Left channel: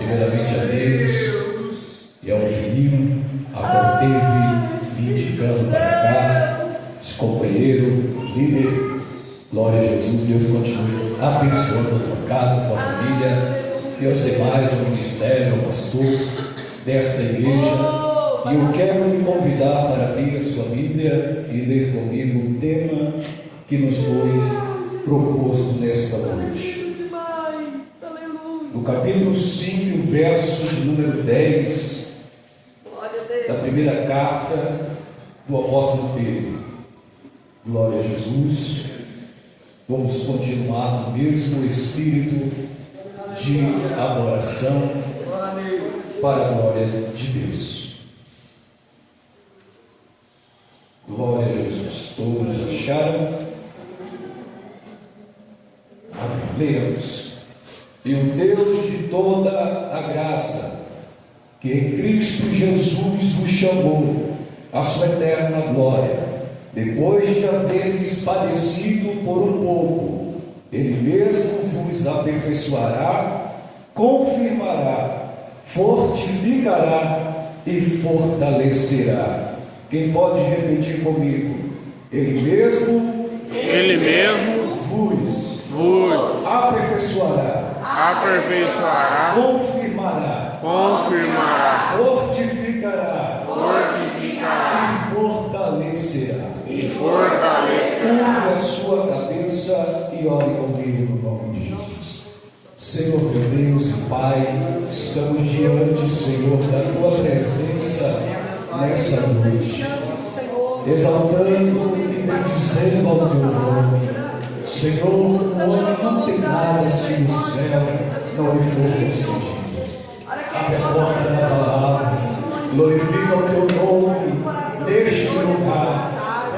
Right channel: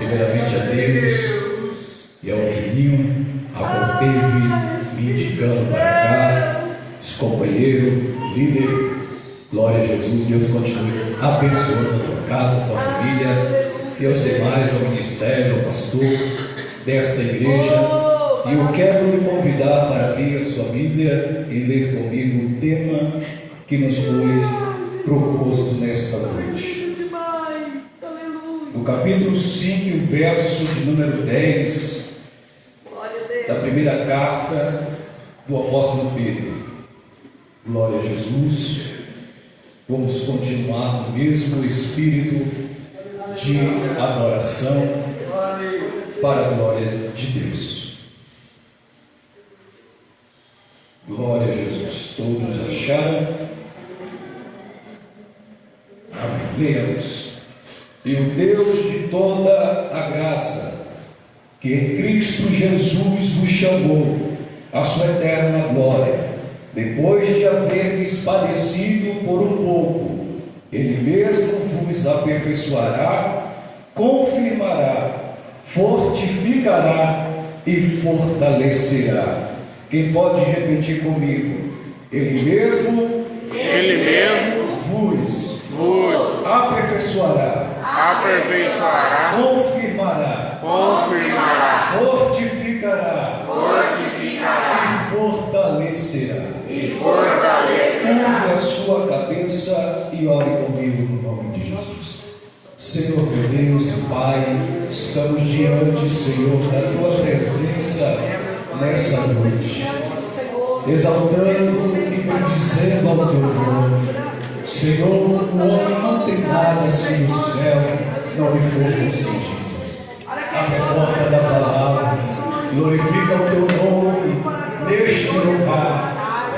Primeiramente a Deus e ao Juninho, a teve me indicando para cá, esse companheiro, líder. Glória a Jesus. Deus continue abençoando a tua casa, a tua família e aos demais, ao ministério, ao pastor desta igreja. E eu quero lhe convidar para abrir a sua Bíblia e ler comigo o tema que nos foi proposto nesta noite. No capítulo 5, verso de número 10, da primeira carta do apóstolo Pedro. Glória a Jesus. Vamos continuar no mesmo espírito de adoração para a glória de Deus. Glória a Jesus. Todos acharam? Amém. Leamos. E o Deus de toda a graça, que em Cristo Jesus vos chamou à sua eterna glória, depois de haverdes padecido por um pouco, Ele mesmo vos aperfeiçoará, confirmará, fortificará e fortalecerá. Quem pode repetir comigo? Ele mesmo vos aperfeiçoará, confirmará, fortificará e fortalecerá. Curve a sua cabeça e ore comigo no nome de Jesus. Senhor meu Deus e Pai, estamos diante, Senhor, da tua presença nessa noite, exaltando e bendizendo ao teu nome. Senhor, o homem não tem nada se o céu não lhe for concedido. Abre a porta da palavra, glorifica o teu nome neste lugar.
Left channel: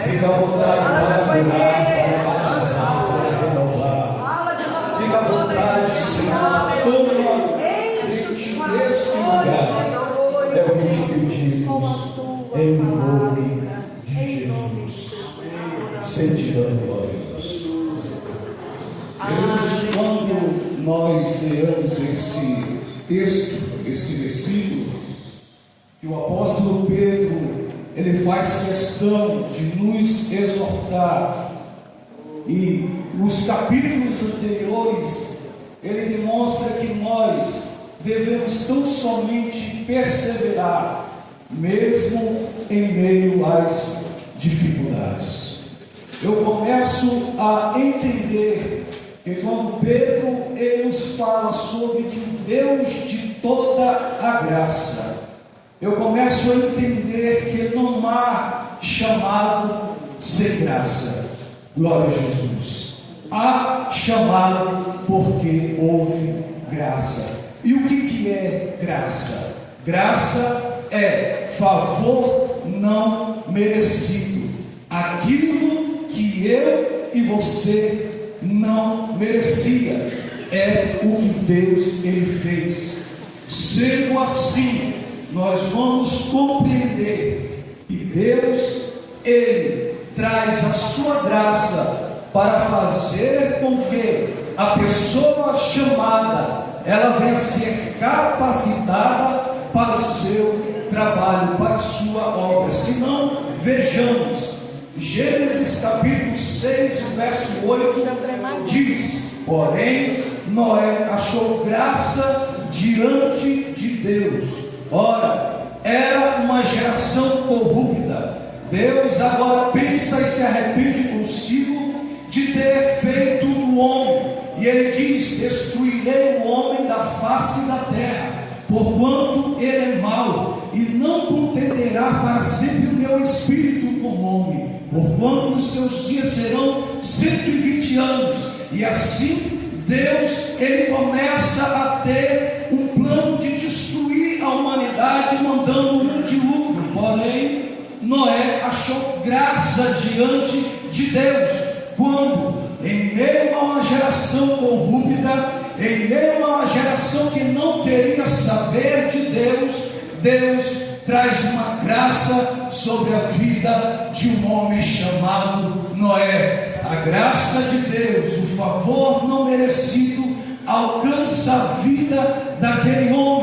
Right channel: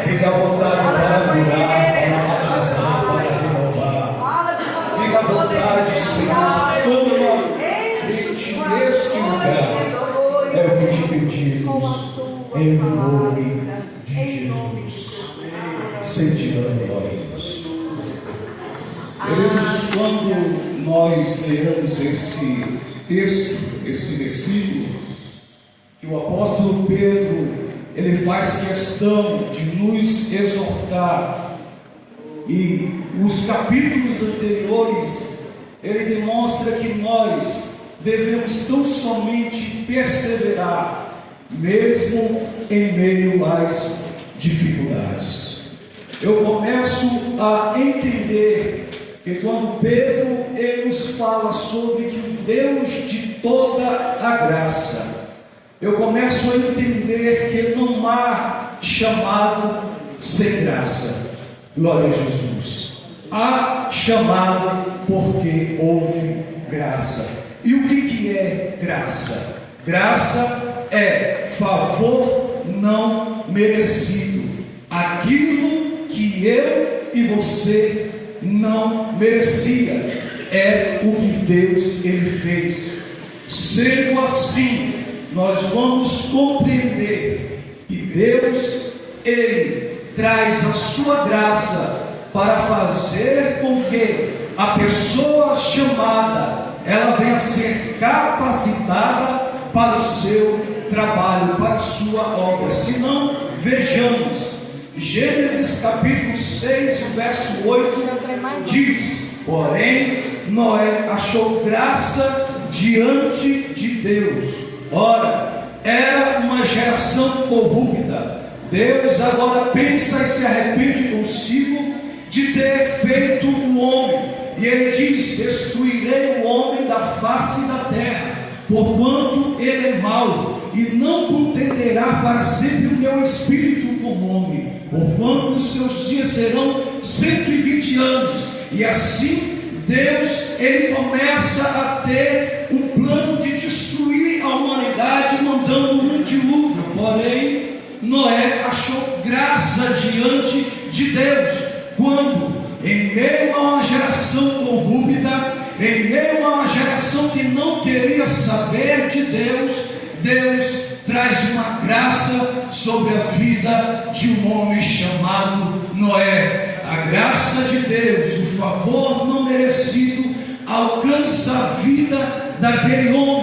Fica à vontade para adorar, para batizar, para renovar. Fica à vontade, Senhor, todo neste lugar. É o que te pedimos, em nome de Jesus. Sentirão glórias. Queridos, quando nós leamos esse texto, esse versículo, que o apóstolo Pedro ele faz questão de nos exortar, e nos capítulos anteriores ele demonstra que nós devemos tão somente perseverar, mesmo em meio às dificuldades. Eu começo a entender que quando Pedro ele nos fala sobre o Deus de toda a graça, eu começo a entender que não há chamado sem graça. Glória a Jesus. Há chamado porque houve graça. E o que é graça? Graça é favor não merecido. Aquilo que eu e você não merecia. É o que Deus ele fez. Sendo assim, nós vamos compreender que Deus ele traz a sua graça para fazer com que a pessoa chamada ela venha ser capacitada para o seu trabalho, para a sua obra. Se não, vejamos Gênesis capítulo 6, verso 8 diz: porém Noé achou graça diante de Deus. Ora, era uma geração corrupta. Deus agora pensa e se arrepende consigo de ter feito o homem. E ele diz: destruirei o homem da face da terra, porquanto ele é mau, e não contenderá para sempre o meu espírito com o homem, porquanto os seus dias serão 120 anos. E assim Deus ele começa a ter um plano de destruir a humanidade, mandando um dilúvio. Porém, Noé achou graça diante de Deus, quando em meio a uma geração corrupta, em meio a uma geração que não queria saber de Deus, Deus traz uma graça sobre a vida de um homem chamado Noé. A graça de Deus, o favor não merecido, alcança a vida daquele homem.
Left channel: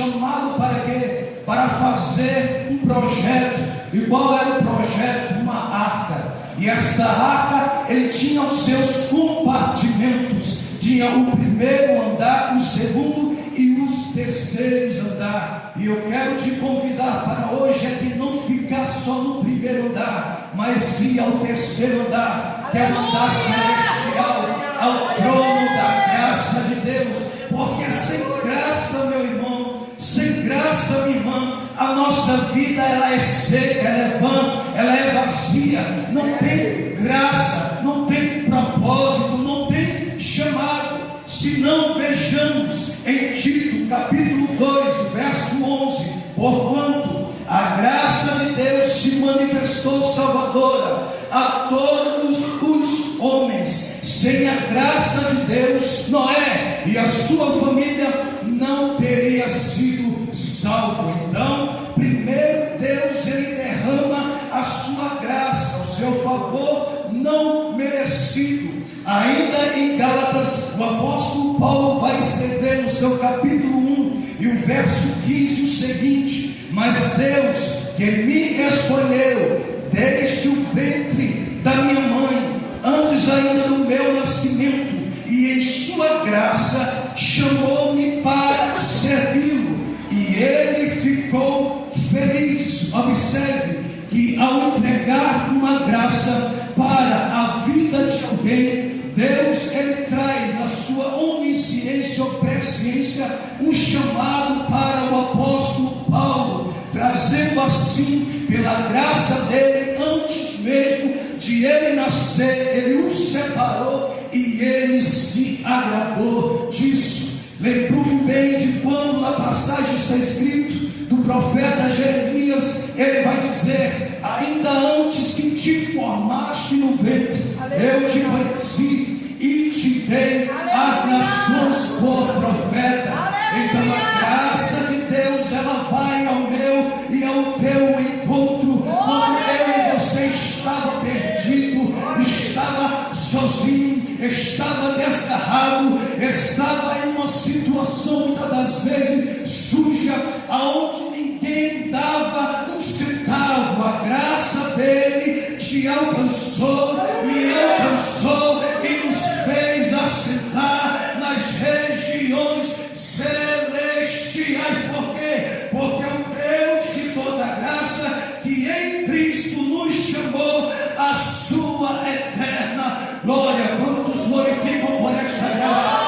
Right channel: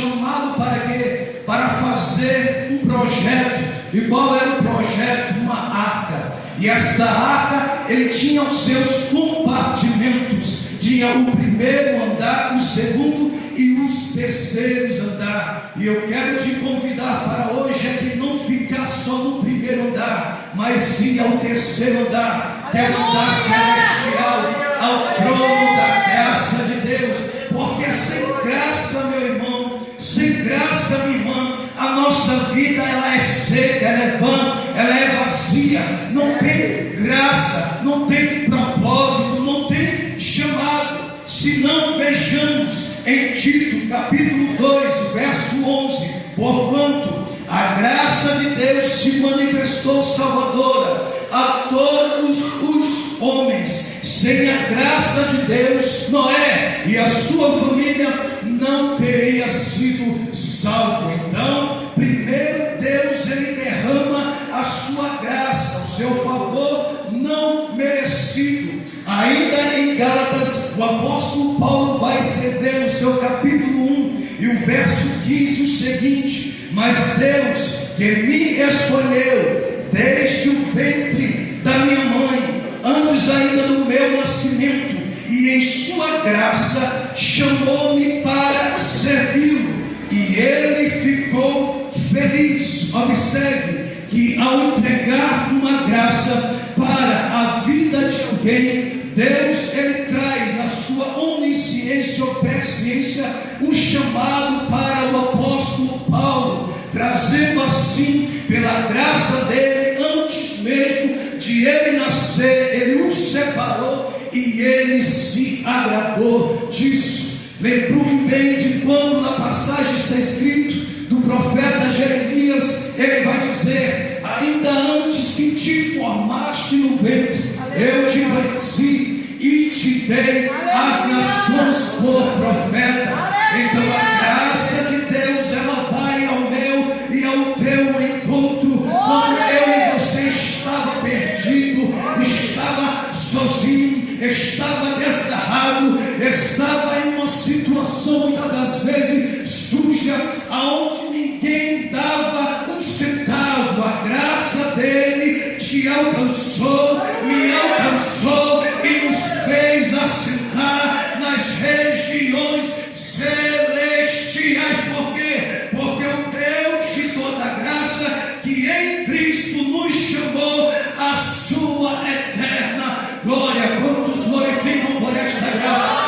chamado para quê? Para fazer um projeto. E qual era o projeto? Uma arca. E esta arca, ele tinha os seus compartimentos. Tinha o primeiro andar, o segundo e os terceiros andar. E eu quero te convidar para hoje é que não ficar só no primeiro andar, mas ir ao terceiro andar, que é o andar celestial, ao trono da graça de Deus. Porque sem graça, meu irmão, sem graça, minha irmã, a nossa vida ela é seca, ela é vã, ela é vazia, não tem graça, não tem propósito, não tem chamado. Se não, vejamos em Tito capítulo 2, verso 11: porquanto a graça de Deus se manifestou salvadora a todos os homens. Sem a graça de Deus, Noé e a sua família não teria sido salvo. Então, primeiro Deus ele derrama a sua graça, o seu favor não merecido. Ainda em Gálatas, o apóstolo Paulo vai escrever no seu capítulo 1 e o verso 15 o seguinte: mas Deus que me escolheu desde o ventre da minha mãe, antes ainda do meu nascimento, e em sua graça chamou-me para servi-lo, e ele ficou feliz. Observe que ao entregar uma graça para a vida de alguém, Deus ele traz na sua onisciência ou presciência um chamado para o apóstolo Paulo, trazendo assim, pela graça dele, antes mesmo de ele nascer, ele o separou e ele se agradou disso. Lembrou-me bem de quando na passagem está escrito do profeta Jeremias, ele vai dizer: ainda antes que te formaste no ventre, eu te conheci e te dei as nações por profeta. Então a graça de Deus ela vai ao meu e ao teu encontro. Quando eu e você estava perdido, estava sozinho, estava desgarrado, estava em uma situação muitas das vezes suja, aonde ninguém dava um centavo, a graça dele te alcançou, me alcançou e nos fez assentar nas regiões celestiais. Por quê? Porque o Deus de toda graça, que em Cristo nos chamou a sua eterna glória. Quantos glorificam por esta graça?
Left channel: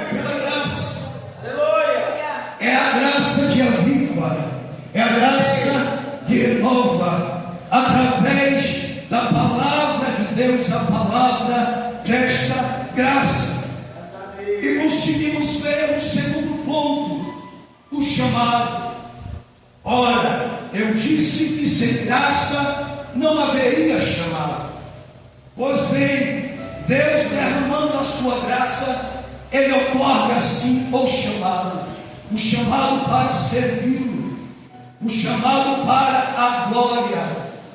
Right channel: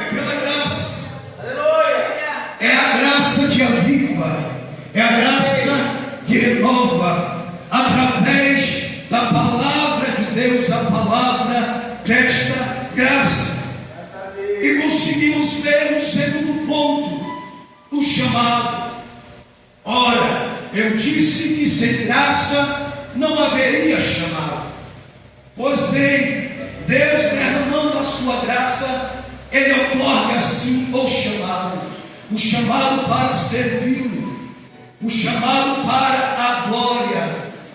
É pela graça, é a graça que aviva, é a graça que renova, através da palavra de Deus, a palavra desta graça. E conseguimos ver o segundo ponto, o chamado. Ora, eu disse que sem graça não haveria chamado. Pois bem, Deus derramando a sua graça, ele otorga assim o chamado para servi-lo, o chamado para a glória,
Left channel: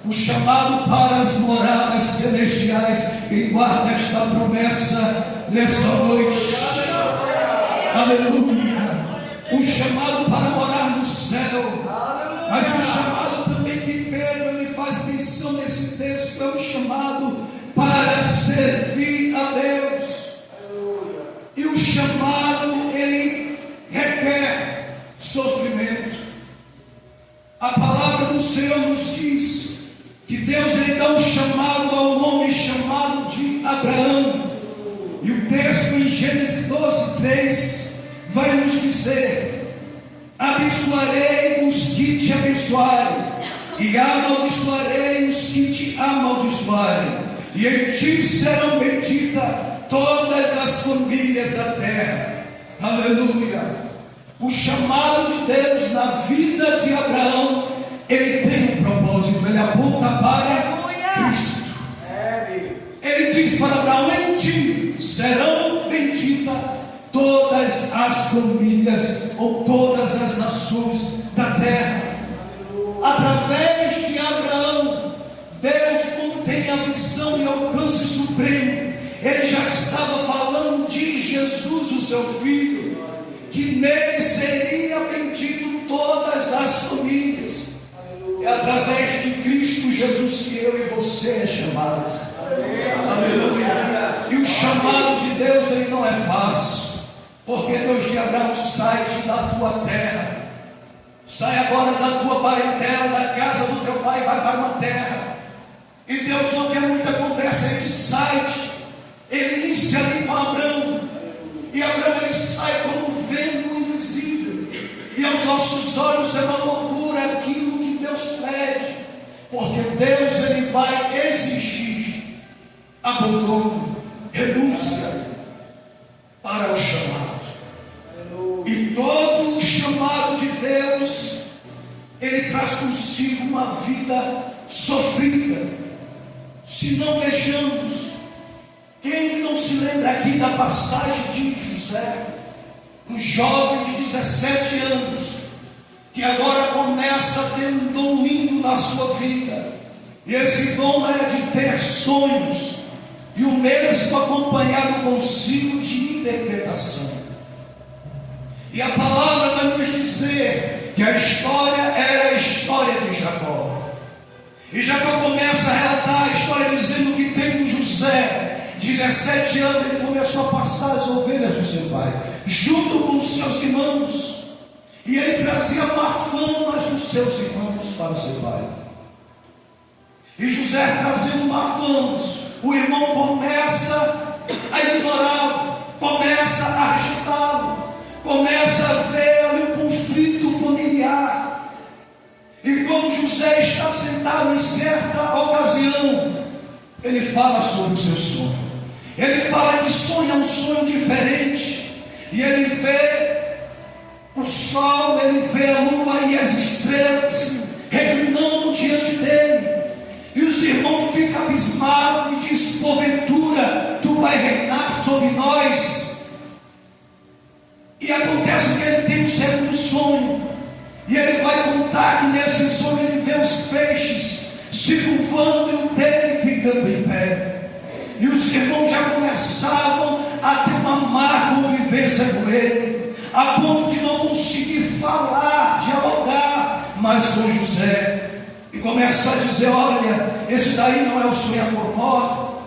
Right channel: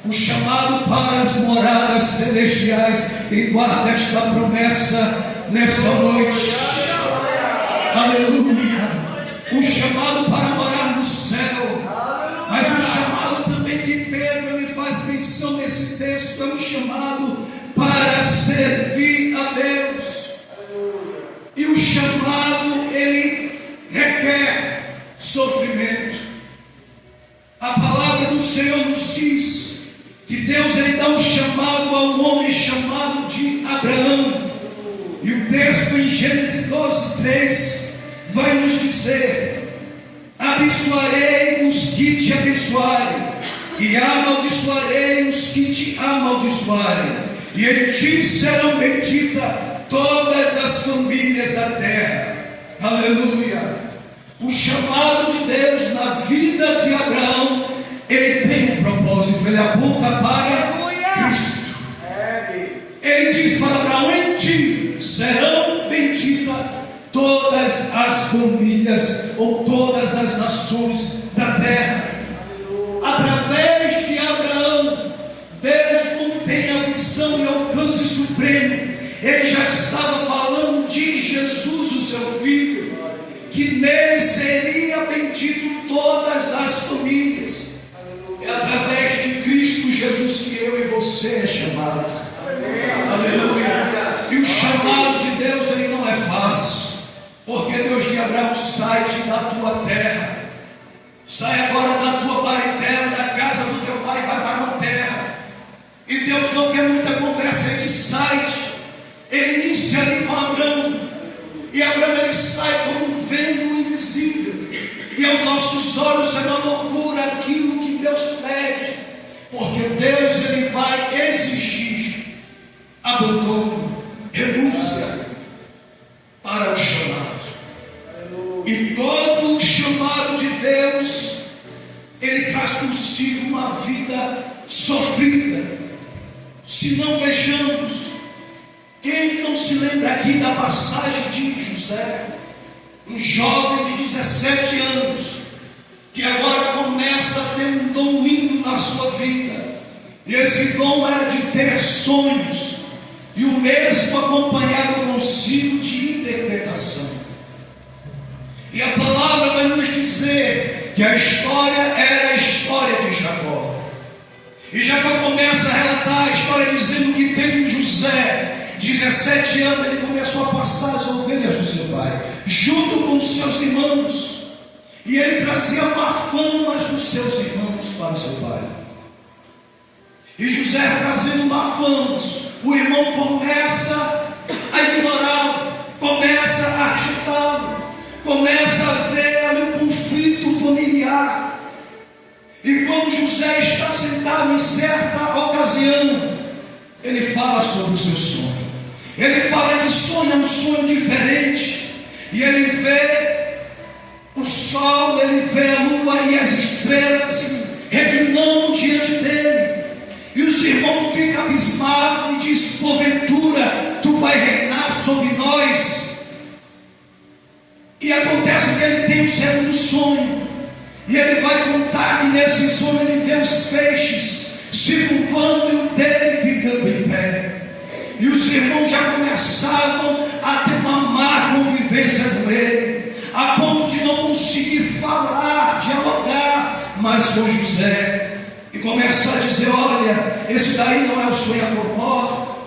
o chamado para as moradas celestiais. E guarda esta promessa nesta noite. Aleluia. O chamado para morar no céu. Mas o chamado também que Pedro me faz menção nesse texto é um chamado para servir a Deus. E o chamado ele requer sofrimento. A palavra do Senhor nos diz que Deus ele dá um chamado ao homem chamado de Abraão. E o texto em Gênesis 12:3 vai nos dizer: abençoarei os que te abençoarem, e amaldiçoarei os que te amaldiçoarem, e em ti serão benditas todas as famílias da terra. Aleluia. O chamado de Deus na vida de Abraão, ele tem um propósito, ele aponta para Cristo. Ele diz para Abraão: em ti serão benditas todas as famílias ou todas as nações da terra. Através de Abraão, Deus, como tem a visão e alcance supremo, ele já estava falando de Jesus, o seu filho, que nele seria bendito todas as famílias. É através de Cristo Jesus que eu e você é chamado. Aleluia. E o chamado de Deus, ele não é fácil, porque Deus de Abraão sai da tua terra, sai agora da tua parentela, da casa do teu pai, vai para uma terra. E Deus não quer muita conversa, ele sai, ele inicia ali com Abraão, e Abraão ele sai como um vento invisível, e aos nossos olhos é uma loucura aquilo que Deus pede, porque Deus ele vai exigir abandono, renúncia para o chamado. E todo o chamado de Deus, ele traz consigo uma vida sofrida. Se não vejamos, quem não se lembra aqui da passagem de José, um jovem de 17 anos, que agora começa a ter um dom lindo na sua vida, e esse dom era de ter sonhos, e o mesmo acompanhado consigo de interpretação. E a palavra vai nos dizer que a história era a história de Jacó. E Jacó começa a relatar a história dizendo que tem um José, 17 anos, ele começou a pastar as ovelhas do seu pai, junto com os seus irmãos. E ele trazia má fama dos seus irmãos para o seu pai. E José trazendo má fama, o irmão começa a ignorá-lo, começa a rejeitá-lo, começa a ver ali um conflito familiar. E quando José está sentado em certa ocasião, ele fala sobre o seu sonho. Ele fala que sonha um sonho diferente, e ele vê o sol, ele vê a lua e as estrelas reclinando diante dele. E os irmãos ficam abismados e dizem: porventura tu vai reinar sobre nós? E acontece que ele tem um segundo sonho, e ele vai contar que nesse sonho ele vê os peixes se curvando e o dele ficando em pé. E os irmãos já começavam a ter uma má convivência com ele, a ponto de não conseguir falar, dialogar mais com José. E começa a dizer: olha, esse daí não é o sonhador mor,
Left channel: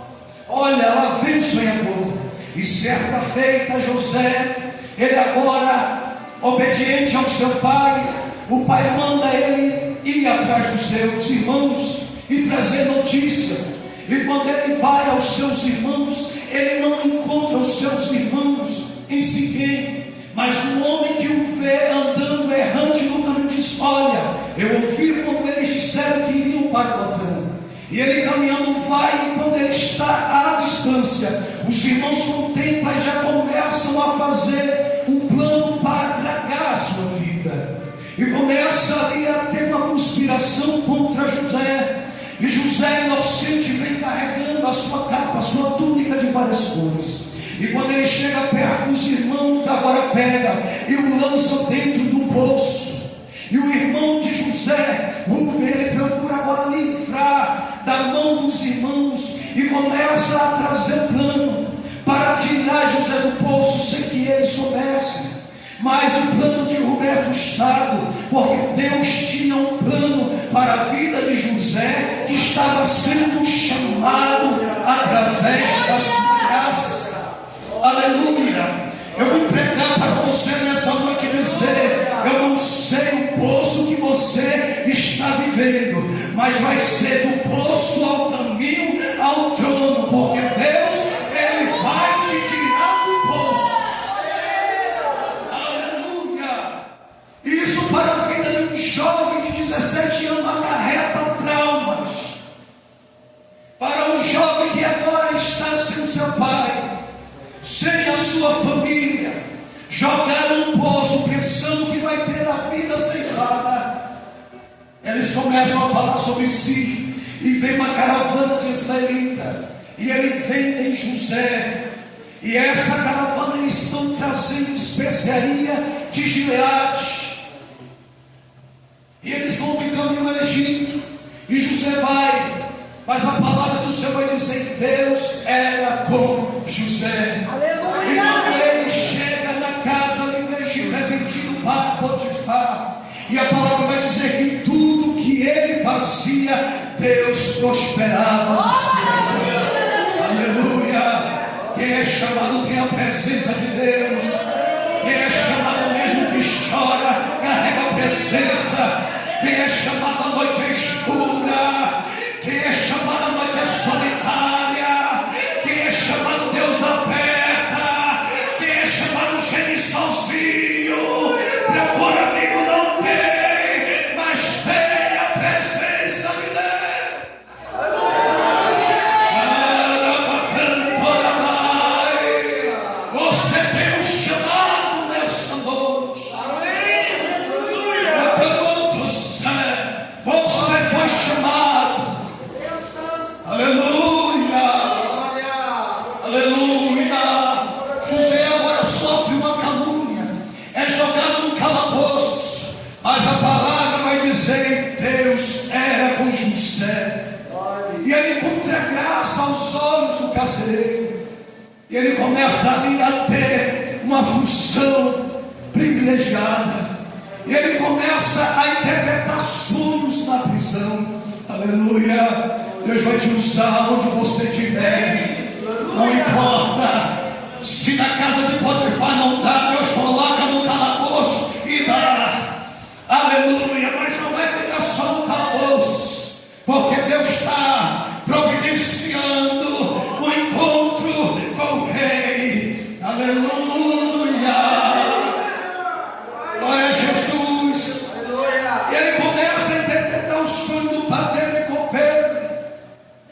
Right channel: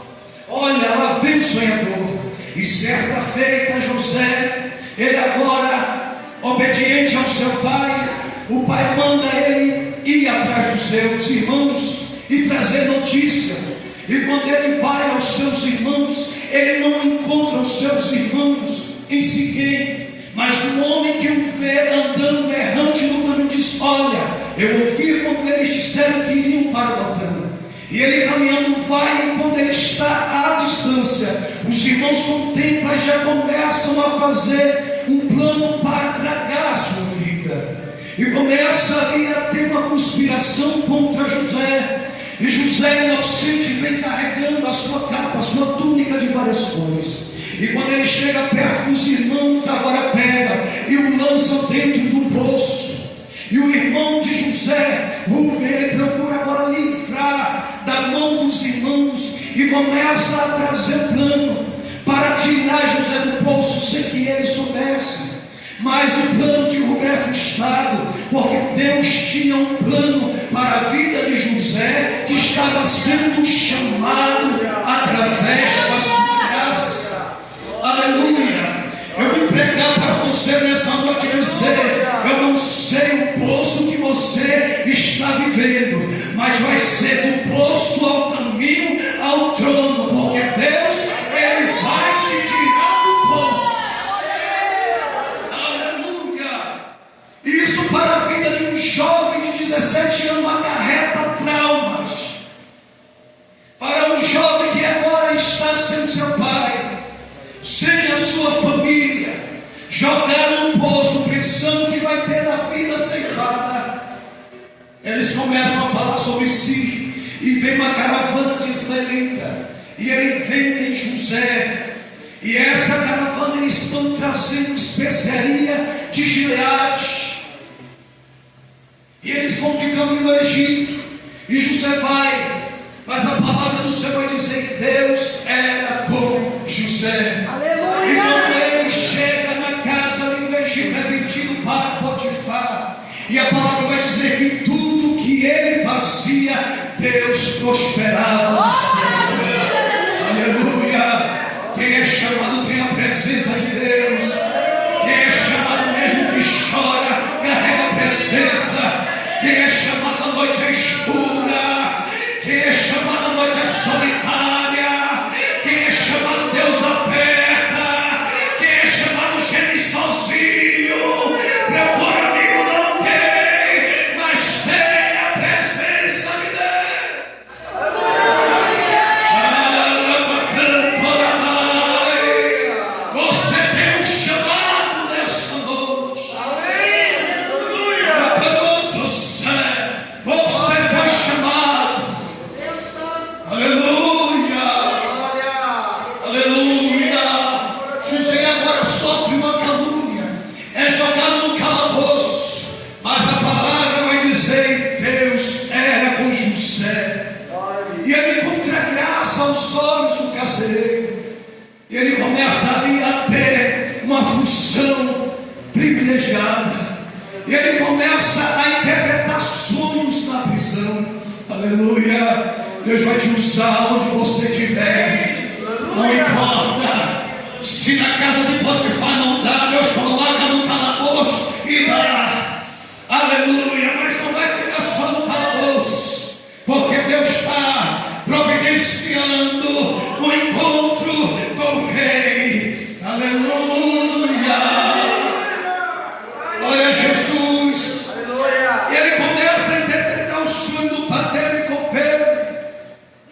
olha, lá vem o sonhador. E certa feita José, ele agora obediente ao seu pai, o pai manda ele ir atrás dos seus irmãos e trazer notícia. E quando ele vai aos seus irmãos, ele não encontra os seus irmãos em Siquém, mas o homem que o vê andando errante no caminho diz: olha, eu ouvi como eles disseram que iriam para o Dotã. E ele caminhando vai, e quando ele está à distância, os irmãos contemplam e já começam a fazer um plano para tragar a sua vida. E começa ali a ter uma conspiração contra José. E José inocente vem carregando a sua capa, a sua túnica de várias cores. E quando ele chega perto dos irmãos, agora pega e o lança dentro do poço. E o irmão de José, Rubem, ele procura agora livrar da mão dos irmãos e começa a trazer plano para tirar José do poço sem que ele soubesse. Mas o plano de Rubem é frustrado, porque Deus tinha um plano para a vida de José, que estava sendo chamado através da sua graça. Aleluia! Eu vim pregar para você nessa noite e dizer: eu não sei o poço que você está vivendo, mas vai ser do poço ao caminho ao trono, porque Deus, ele vai te tirar do poço. Aleluia! Isso para a vida de um jovem de 17 anos acarreta traumas. Para um jovem que agora está sem seu pai, sem a sua família, jogaram no poço pensando que vai ter a vida ceifada. Eles começam a falar sobre si, e vem uma caravana de israelita, e ele vem em José, e essa caravana eles estão trazendo especiaria de Gileade, e eles vão de caminho ao Egito, e José vai. Mas a palavra do Senhor vai dizer que Deus era com José. Aleluia. E quando ele chega na casa do Egito, Deus prosperava nos seus planos. Aleluia. Quem é chamado tem a presença de Deus. Quem é chamado mesmo que chora, carrega a presença. Quem é chamado à noite é escura. Quem é chamado à noite é solitária. Quem é chamado Deus aperta. Quem é chamado geme sozinho. Procura amigo não tem, mas tem a presença de Deus. Você tem um chamado nessa noite. Você foi chamado. Aleluia. Aleluia. José agora sofre uma calúnia, é jogado no calabouço, mas a palavra vai dizer: Deus era com José, e ele encontra graça aos olhos do carcereiro, e ele começa ali a ter uma função privilegiada, e ele começa a interpretar sonhos na prisão. Aleluia. Deus vai te usar onde você estiver. Não importa se na casa de Potifar não dá, Deus coloca no calabouço e dá. Aleluia. Mas não vai ficar só no calabouço, porque Deus está providenciando o encontro com o rei. Aleluia. Glória a Jesus. E ele começa a interpretar o sonho do padeiro e copeiro.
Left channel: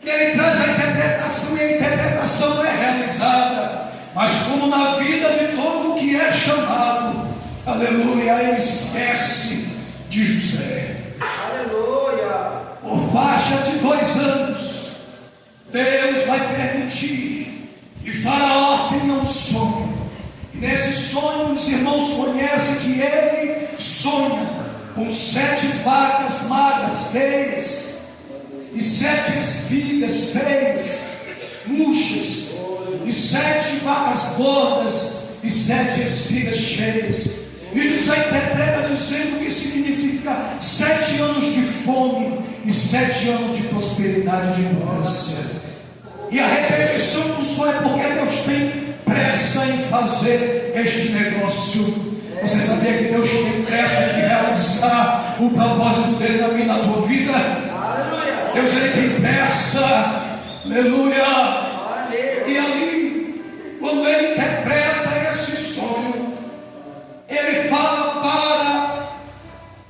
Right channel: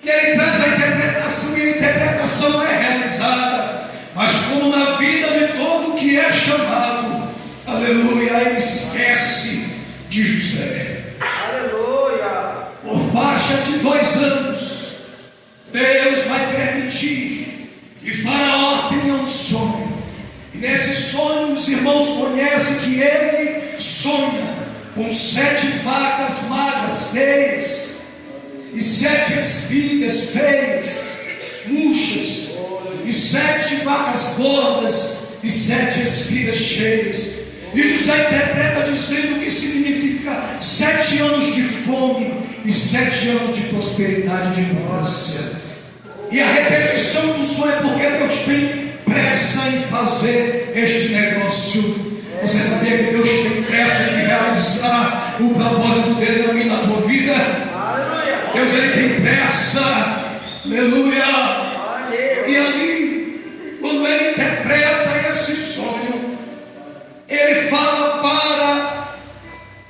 E ele traz a interpretação, e a interpretação não é realizada. Mas como na vida de todo que é chamado, aleluia, ele esquece de José. Aleluia. Por faixa de 2 anos, Deus vai permitir que Faraó tenha um sonho. E nesse sonho os irmãos conhecem que ele sonha com 7 vacas magras feias e 7 espigas feias, murchas, e 7 vacas gordas e 7 espigas cheias. E José interpreta dizendo que significa 7 anos de fome e 7 anos de prosperidade, de abundância. E a repetição do sonho é porque Deus tem pressa em fazer este negócio. Você sabia que Deus tem pressa em realizar o propósito dele na minha e na tua vida? Aleluia. Deus, ele tem pressa. Aleluia. E ali, quando ele interpreta esse sonho, ele fala para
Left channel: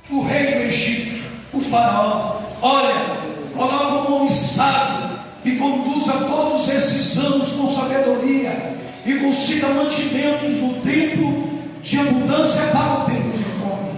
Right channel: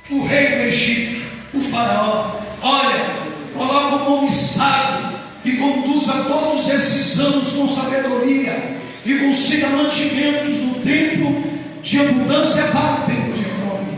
o rei do Egito, o faraó: olha, coloca um homem sábio que conduza todos esses anos com sabedoria e consiga mantimentos no tempo de abundância para o tempo de fome.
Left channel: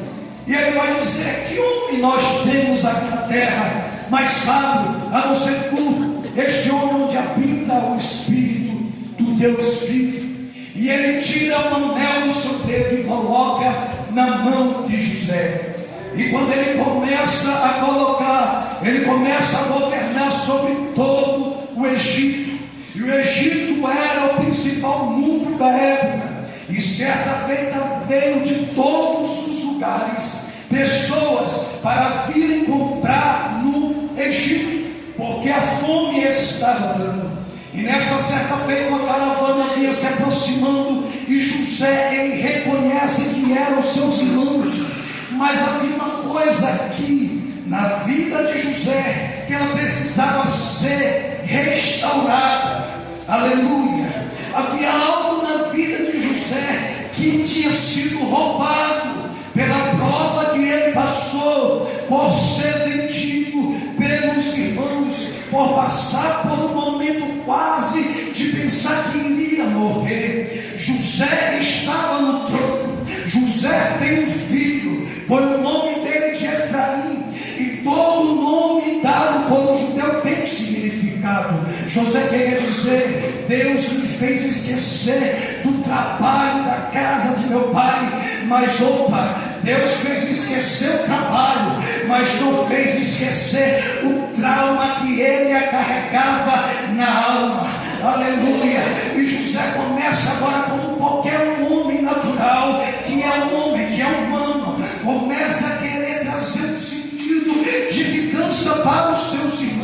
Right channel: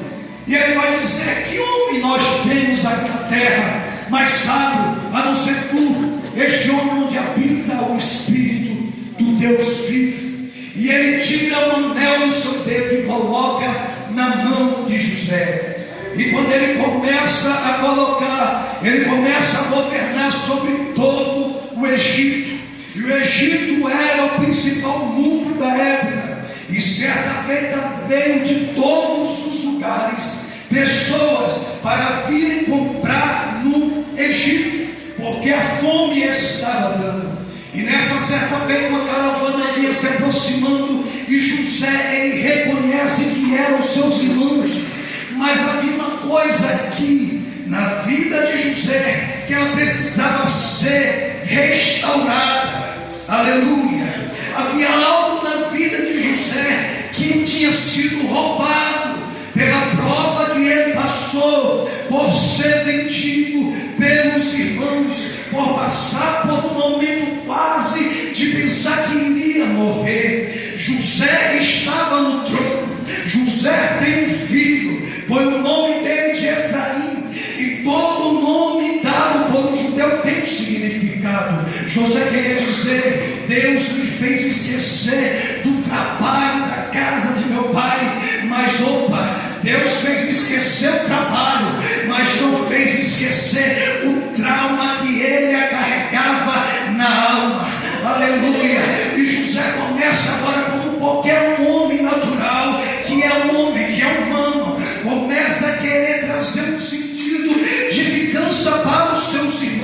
E ele vai dizer: que homem nós temos aqui na terra mais sábio a não ser tu, este homem onde habita o Espírito do Deus vivo. E ele tira um anel do seu dedo e coloca na mão de José. E quando ele começa a colocar, ele começa a governar sobre todo o Egito. E o Egito era o principal núcleo da época. E certa feita veio de todos os lugares pessoas para virem comprar no Egito, porque a fome estava dando. E nessa certa feita uma caravana vinha se aproximando, e José, ele reconhece que eram seus irmãos. Mas havia uma coisa aqui na vida de José, que ela precisava ser restaurada. Aleluia. Havia algo na vida de José que tinha sido roubado pela prova que ele passou, por ser vendido pelos irmãos, por passar por um momento quase de pensar que iria morrer. José estava no trono. José tem um filho, põe o nome dele de Efraim, e todo nome dado por um judeu tem um significado. José queria dizer: Deus me fez esquecer do trabalho da casa de meu pai. Mas opa, Deus fez esquecer o trabalho, mas não fez esquecer o trauma que ele carregava na alma. Aleluia. E José começa agora como qualquer homem natural, que é um homem, que é humano, começa a querer trazer um sentido de vingança para os seus irmãos.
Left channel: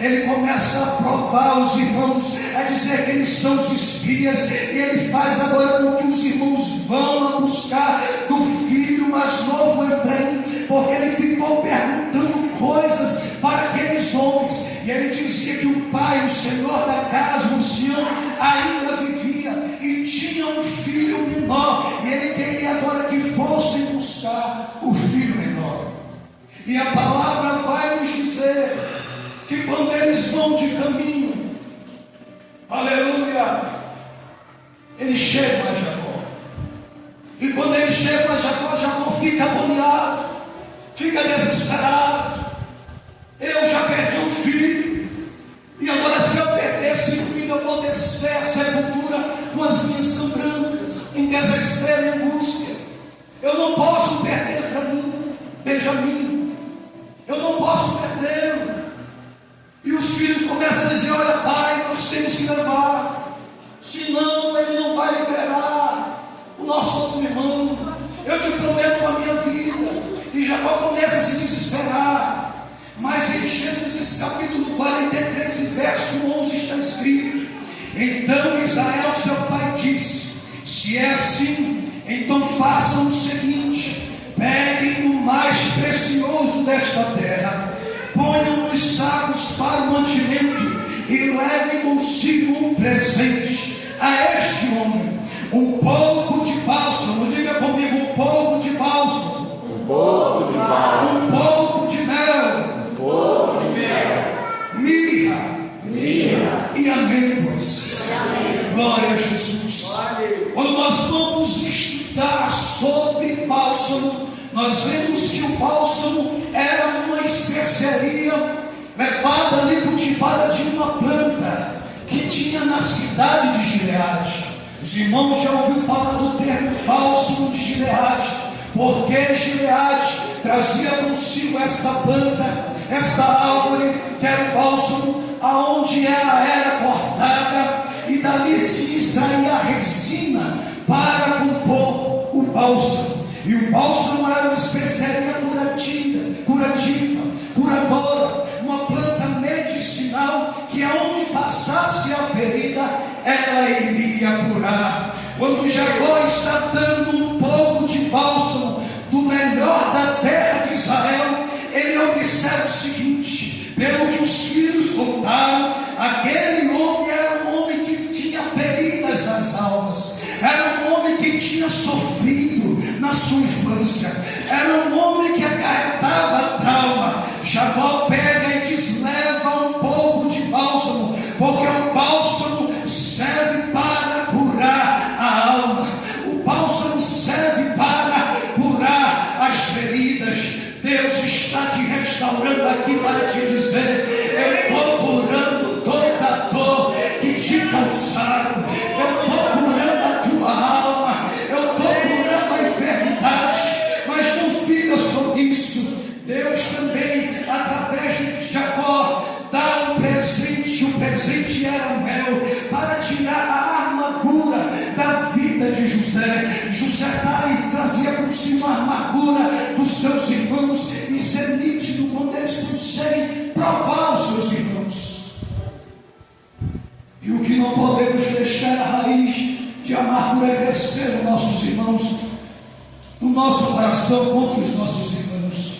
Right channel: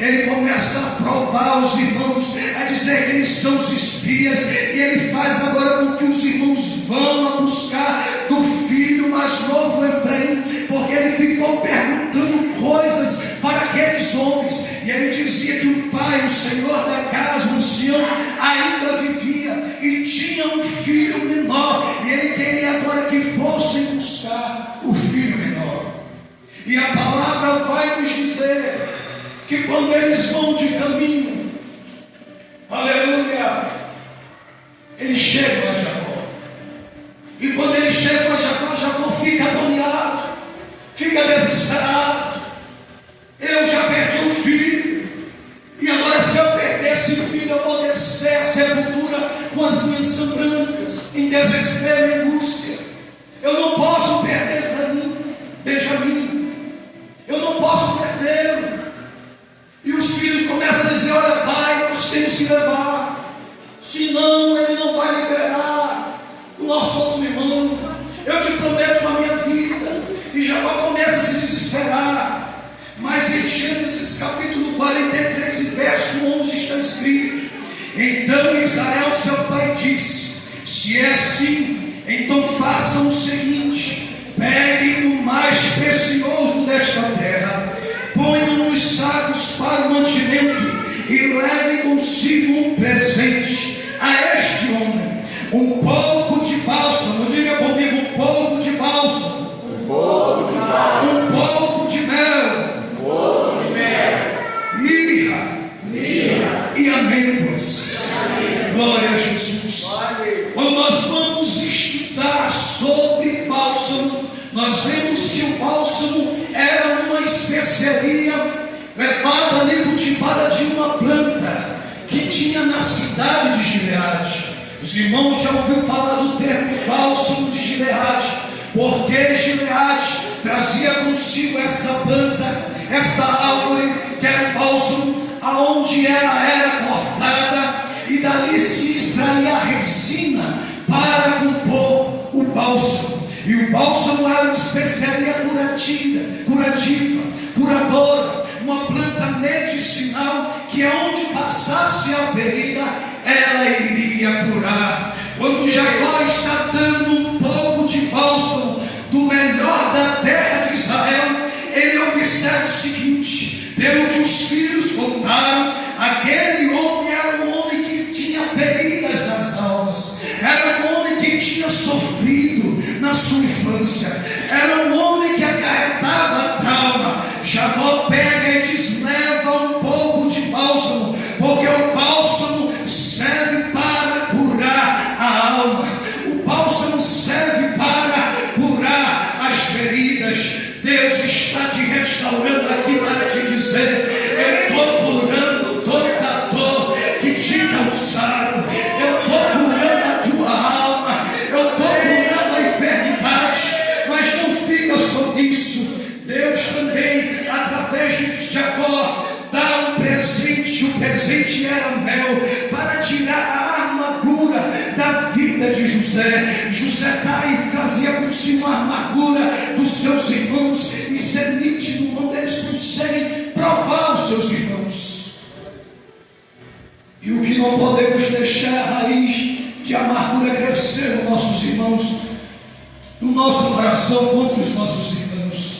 ele começa a provar os irmãos, a dizer que eles são os espias, e ele faz agora com que os irmãos vão a buscar do filho mais novo Efraim, porque ele ficou perguntando coisas para aqueles homens, e ele dizia que o pai, o senhor da casa, o ancião, ainda vivia e tinha um filho menor, e ele queria agora que fossem buscar o filho menor. E a palavra vai nos dizer que quando eles vão de caminho, aleluia, eles chegam a Jacó. E quando eles chegam a Jacó, Jacó fica agoniado, fica desesperado. Eu já perdi um filho, e agora se eu perder esse filho, eu vou descer a sepultura com as minhas brancas, em desespero e angústia. Eu não posso perder Benjamim, eu não posso perdê-lo. E os filhos começam a dizer: olha pai, nós temos que levar, senão ele não vai liberar o nosso outro irmão. Eu te prometo a minha vida. E Jacó começa a se desesperar. Mas em Gênesis capítulo 43 e verso 11 está escrito: então Israel seu pai disse: se é assim, então façam o seguinte: peguem o mais precioso desta terra, ponham nos sacos para o mantimento e levem consigo um presente a este homem: um pouco de bálsamo. Diga comigo: um pouco de bálsamo, um pouco de bálsamo, um pouco de mel, mirra e amêndoas. Glória a Jesus. Quando nós vamos estudar sobre bálsamo, nós vemos que o bálsamo era uma especiaria levada ali, cultivada de uma planta que tinha na cidade de Gileade. Os irmãos já ouviram falar do termo bálsamo de Gileade, porque Gileade trazia consigo esta planta, esta árvore, que era o bálsamo, aonde ela era cortada, e dali se extraía a resina para compor o bálsamo. E o bálsamo era uma especiaria curativa, curadora, uma planta medicinal, que aonde passasse a ferida, ela iria curar. Quando Jacó está dando um pouco de bálsamo do melhor da terra de Israel, ele observa o seguinte: pelo que os filhos contaram, aquele homem era um homem que tinha feridas nas almas, era um homem que tinha sofrido na sua infância, era um homem que acarretava trauma. Jacó pega e diz: leva um pouco de bálsamo, porque o bálsamo serve para curar a alma, o bálsamo serve para curar as feridas. Deus está te restaurando aqui para te dizer: eu estou curando toda dor que te causaram, eu estou curando a tua alma, eu estou curando a enfermidade. Mas não fica só nisso, Deus também, através de Jacó, dá um presente. O presente era mel, para tirar a amargura da vida de José. José trazia consigo a amargura dos seus irmãos, e ser nítido quando eles conseguem provar os seus irmãos. E o que não podemos deixar é a raiz de amargura crescer nos nossos irmãos, no nosso coração contra os nossos irmãos.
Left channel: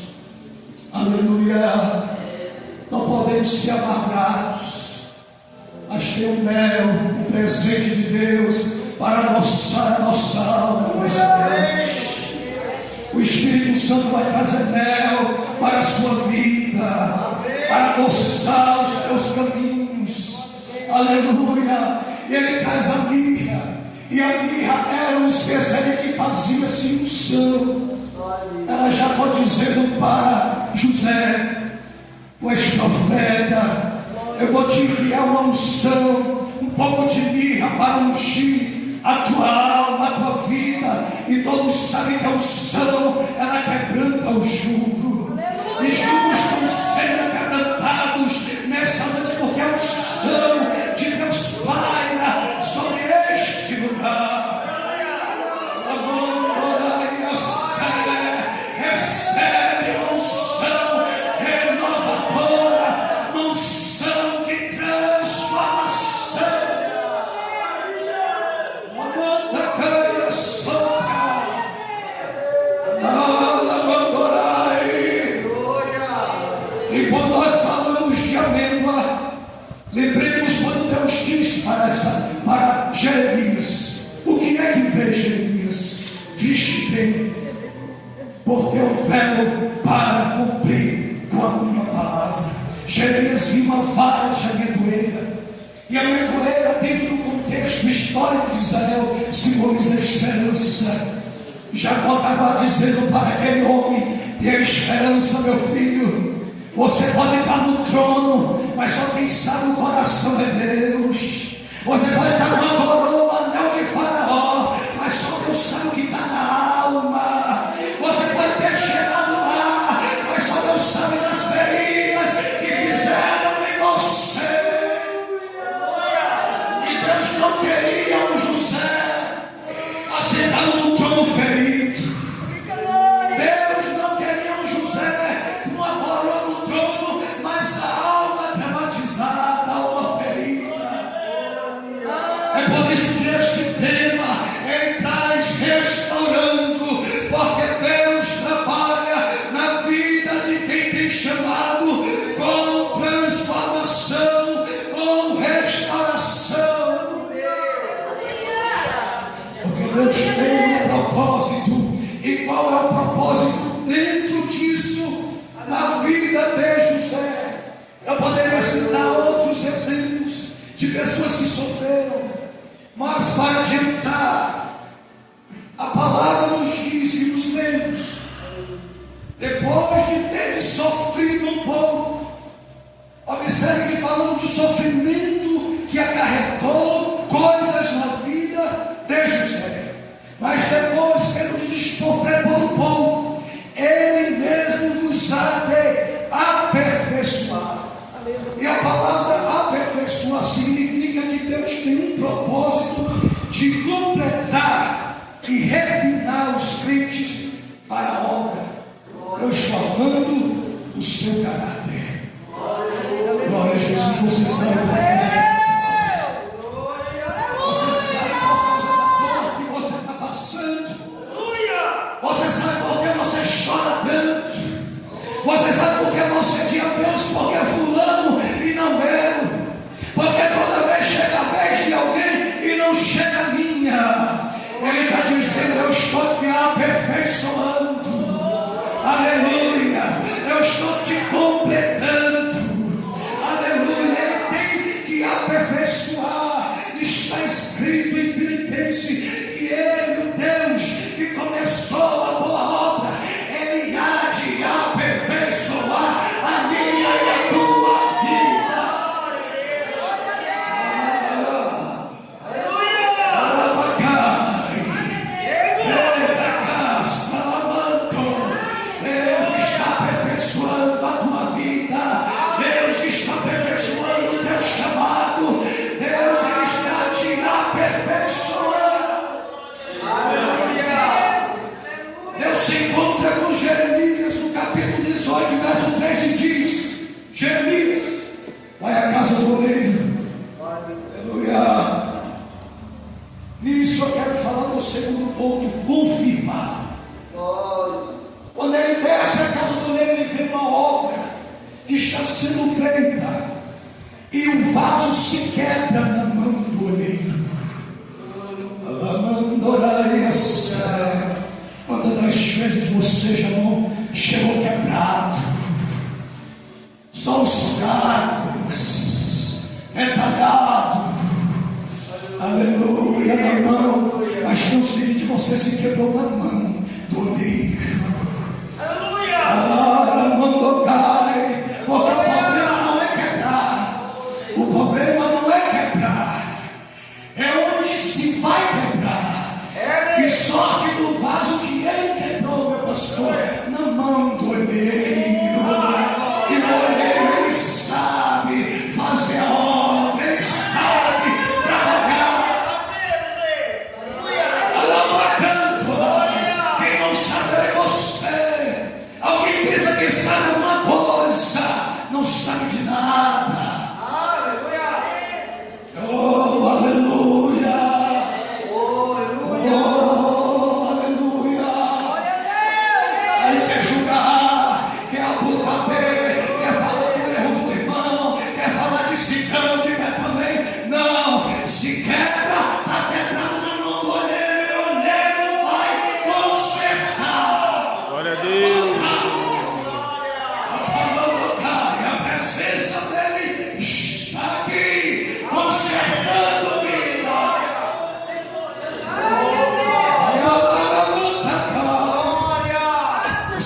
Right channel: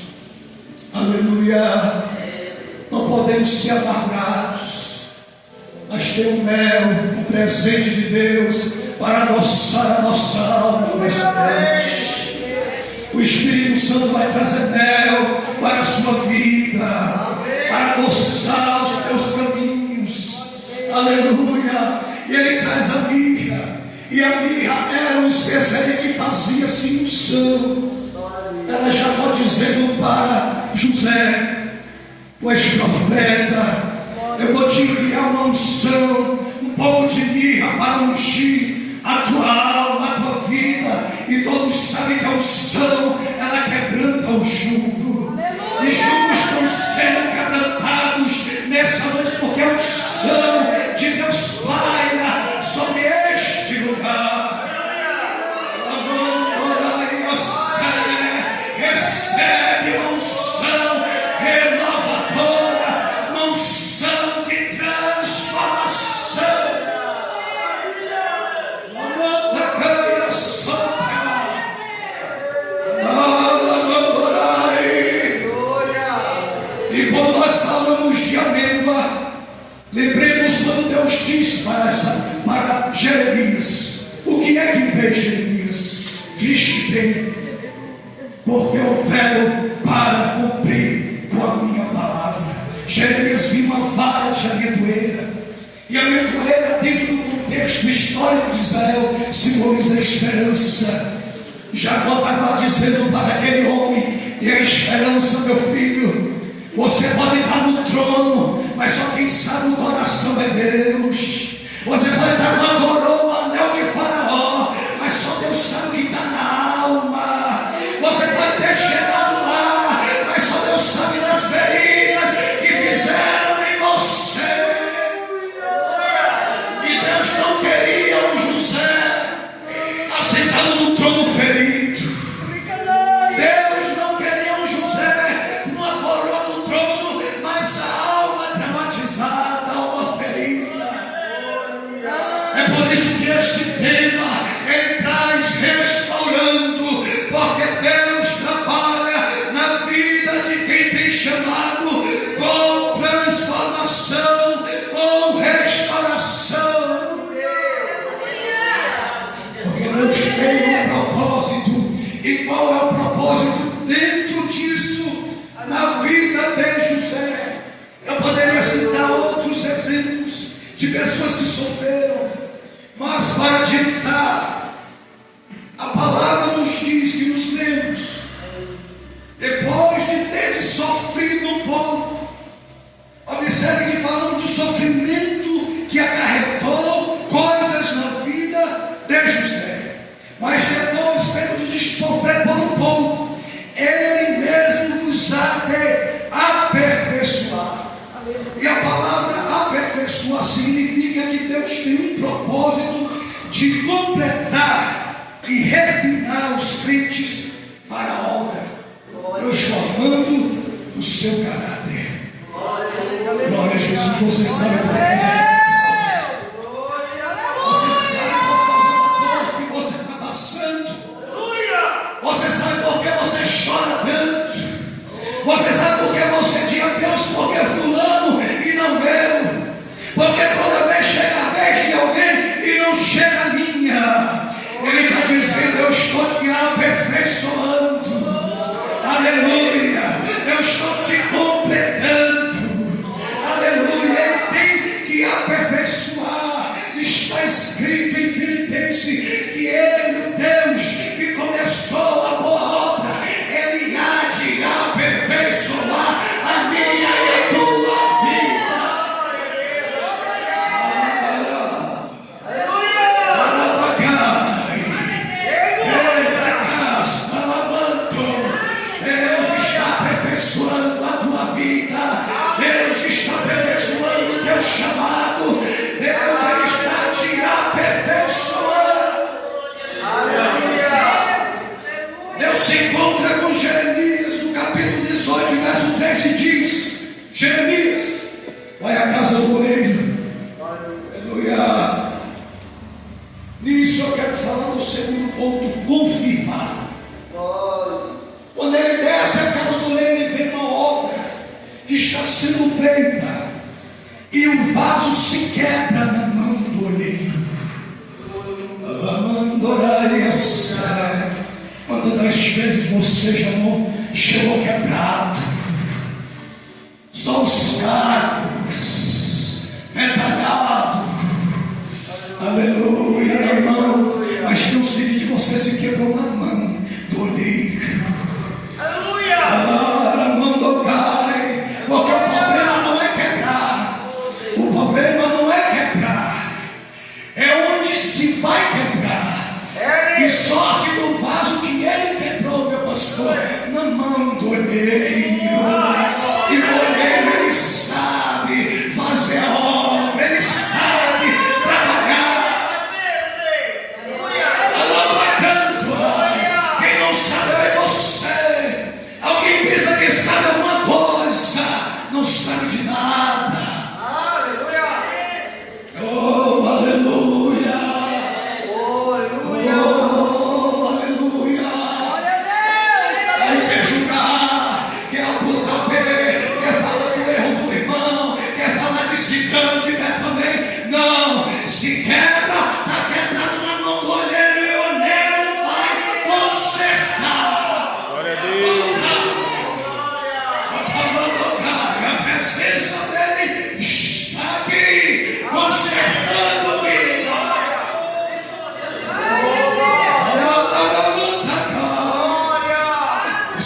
Aleluia. Não podemos ser amargados, mas ter o mel, o presente de Deus, para adoçar a nossa alma nessa noite. O Espírito Santo vai trazer mel para a sua vida, para adoçar os teus caminhos. Aleluia. E ele traz a mirra, e a mirra era uma especiaria que fazia-se unção. Ela já está dizendo para José: tu és profeta, eu vou te enviar uma unção, um pouco de mirra para ungir a tua alma, a tua vida. E todos sabem que a unção, ela quebranta o jugo, e jugos estão sendo quebrantados nessa noite, porque a unção de Deus paira sobre este lugar. Recebe uma unção renovadora, uma unção vi uma vara de amendoeira. E a amendoeira, dentro do contexto histórico de Israel, simboliza a esperança. Jacó estava dizendo para aquele homem: tenha esperança, meu filho. Você pode estar no trono, mas só quem sabe o coração é Deus. Você pode estar numa coroa, um anel de Faraó, mas só Deus sabe o que está na alma. Você pode ter chegado lá, mas só Deus sabe das feridas que fizeram em você. E Deus não queria o José assentado no trono ferido. Deus não queria o José com uma coroa no trono, mas a alma traumatizada, a alma ferida. É por isso que este tema ele traz restaurando, porque Deus trabalha na vida de quem tem chamado com transformação, com restauração. Porque Deus tem um propósito. E qual é o propósito dentro disso? Na vida de José. Eu poderia citar outros exemplos de pessoas que sofreram, mas para adiantar, a palavra nos diz que os lemos, depois de ter sofrido um pouco, observe que falamos de sofrimento que acarretou coisas na vida de José, mas depois, pelo de sofrer por um pouco, ele mesmo vos há de aperfeiçoar. E a palavra aperfeiçoar significa que Deus tem um propósito de completar e refinar os crentes para a obra, transformando o seu caráter. Glória a Jesus. Você sabe por que você sabe por causa da dor que você está passando. Você sabe por que você chora tanto. Você sabe por que você diz a Deus, porque fulano e não eu. Porque toda vez chega a vez de alguém e não chega a minha. Ele está dizendo: eu estou te aperfeiçoando. Aleluia. Eu estou te completando. Aleluia. Ele tem que aperfeiçoar. Está escrito em Filipenses que Ele, o Deus que começou a boa obra, Ele há de aperfeiçoar a minha e a tua vida. Deus está aperfeiçoando a tua vida. Deus está aperfeiçoando o teu chamado. Deus está te aperfeiçoando. Deus se encontra com Jeremias no capítulo 18, verso 3 e diz: Jeremias, vai à casa do oleiro. Aleluia. Nisso eu quero falar do segundo ponto: confirmar. Quando ele desce à casa do oleiro, ele vê uma obra que está sendo feita e o vaso se quebra na mão do oleiro. Quantas das vezes você já não chegou quebrado, só os cacos, retalhado, aleluia, na mão, mas não sei de você se quebrou na mão do oleiro. A mão do cai, porque o problema não é quebrar, o problema não é quebrar, é onde se vai quebrar. E sorte do vaso que ele quebrou, meu pastor, na mão do oleiro. E o oleiro, ele sabe fazer a obra, ele sabe trabalhar. Quem não sabe é você. Alguém pensa que sabe alguma coisa, não sabe de nada. Oh, aleluia. Aí quer julgar, quer apontar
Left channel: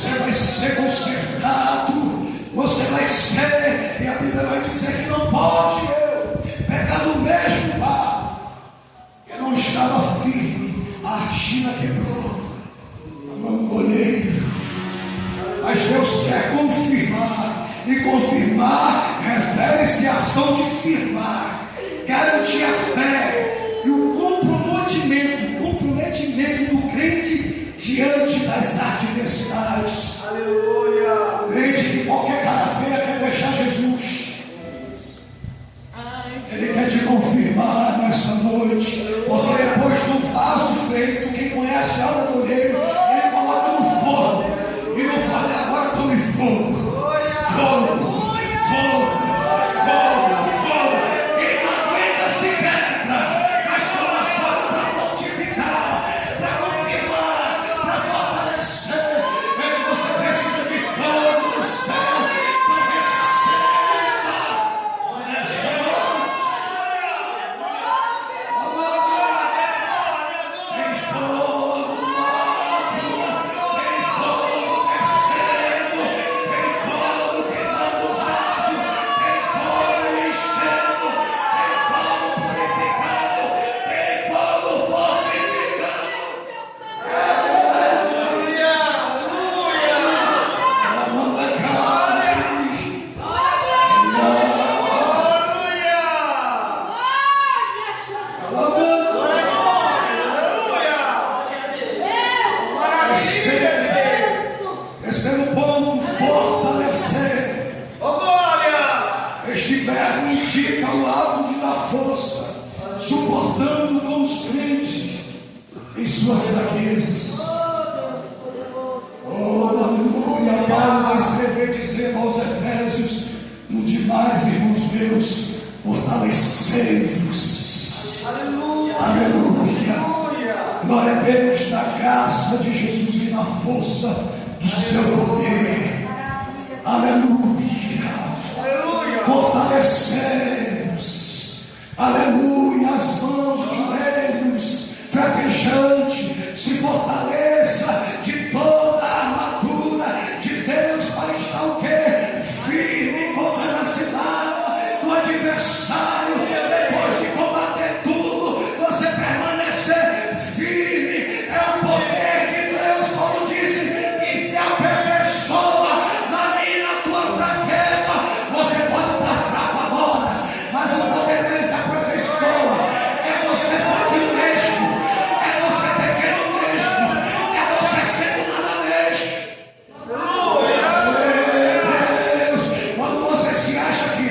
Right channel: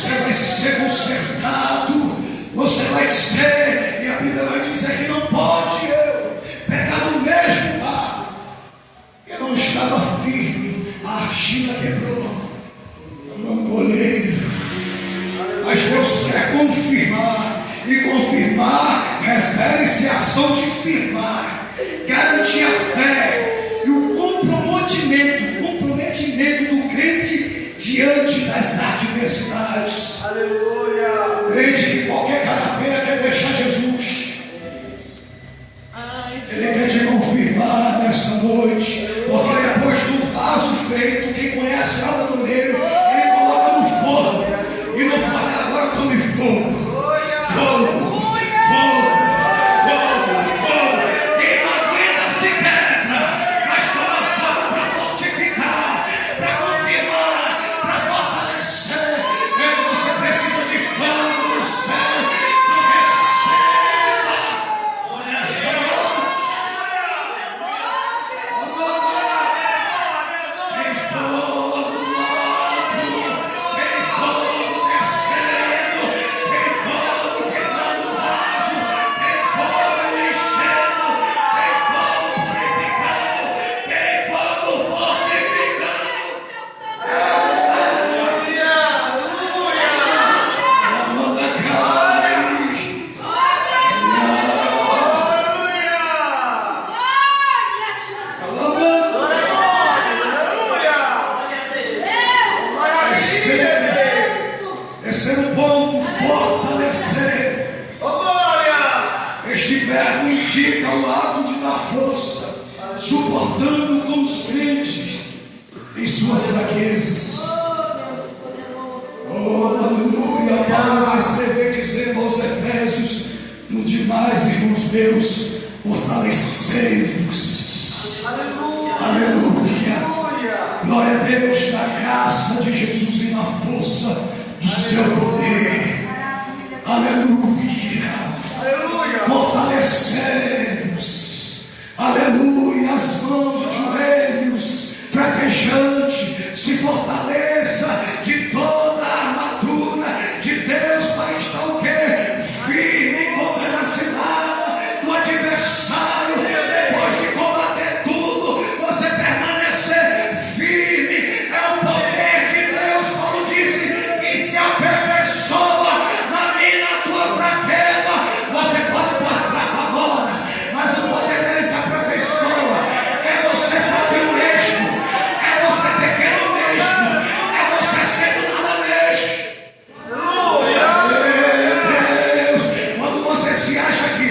você vai ser consertado, você vai ser, e a Bíblia vai dizer que não pode pegar no mesmo barro. Eu não estava firme, a argila quebrou, não colheiro. Mas Deus quer confirmar, e confirmar refere-se à ação de firmar, garantir a fé e o comprometimento do crente diante das adversidades. Aleluia! Crente que qualquer cara feia quer deixar Jesus. Ele quer te confirmar nessa noite, porque depois do vaso feito, quem conhece a obra do Deus, ele coloca no forno, e no forno agora tome fogo. Fogo, fogo, fogo, fogo. Quem não aguenta se quebra, mas toma fogo para fortificar, para confirmar, para fortalecer. Você precisa de fogo do céu. Terceiro ponto, fortalecer. Este verbo indica o ato de dar força, suportando com os crentes em suas fraquezas. Oh, aleluia. Paulo vai escrever dizendo aos Efésios: no demais, irmãos meus, fortalecei-vos. Aleluia. Glória a Deus, da graça de Jesus e na força do seu poder. Aleluia. Fortalecei-vos. Aleluia. As mãos, os joelhos, fraquejante, se fortaleça de toda a armadura de Deus para estar o quê? Firme contra a cilada do adversário. Depois de combater tudo, você permanecer firme. É o poder de Deus. Paulo disse que se aperfeiçoa na minha e na tua fraqueza. Você pode estar fraco agora, mas o poder dele se aperfeiçoa. É você fraquinho mesmo, é você pequeno mesmo, é você sendo nada mesmo. Deus, quando você se acha que